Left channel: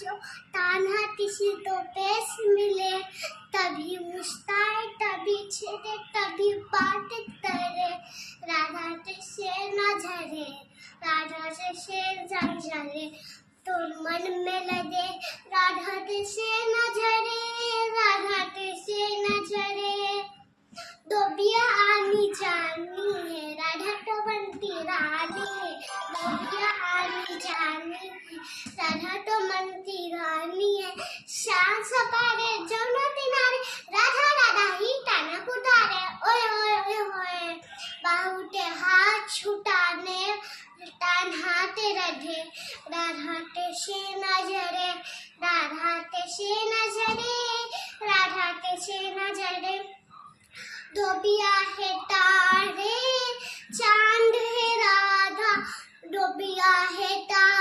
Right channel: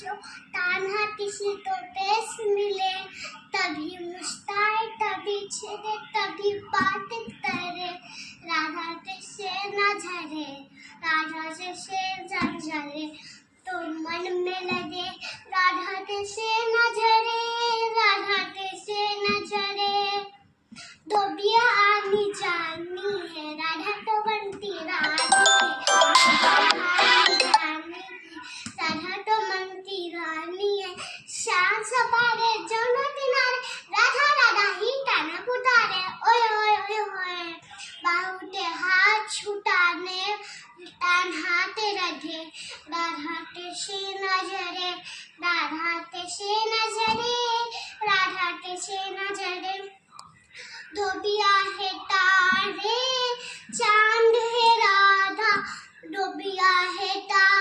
जो कान्हा किसी तो पेश मिले, तभी मुस्काए तभी छेड़े तभी बात करे। राधा से न झरे, राधा से झरे, तो मन में लगे राधा से न झरे, राधा से न झरे। धोबिया आनी जानी है, राधा तो बनती रानी है, आनी जानी राधा तो बनती रानी है। शान सपारे जमुना किनारे, राधा राधा ही टाना पुतारे। ओए ओए ओए होए, बाहुटे हाथ छुटाने, कान्हा ते रधे, राधा ते से न झरे, राधा ते से न झरे, राधा ते से न झरे। धोबिया है तारे, चांद है राधा, धोबिया है तारे।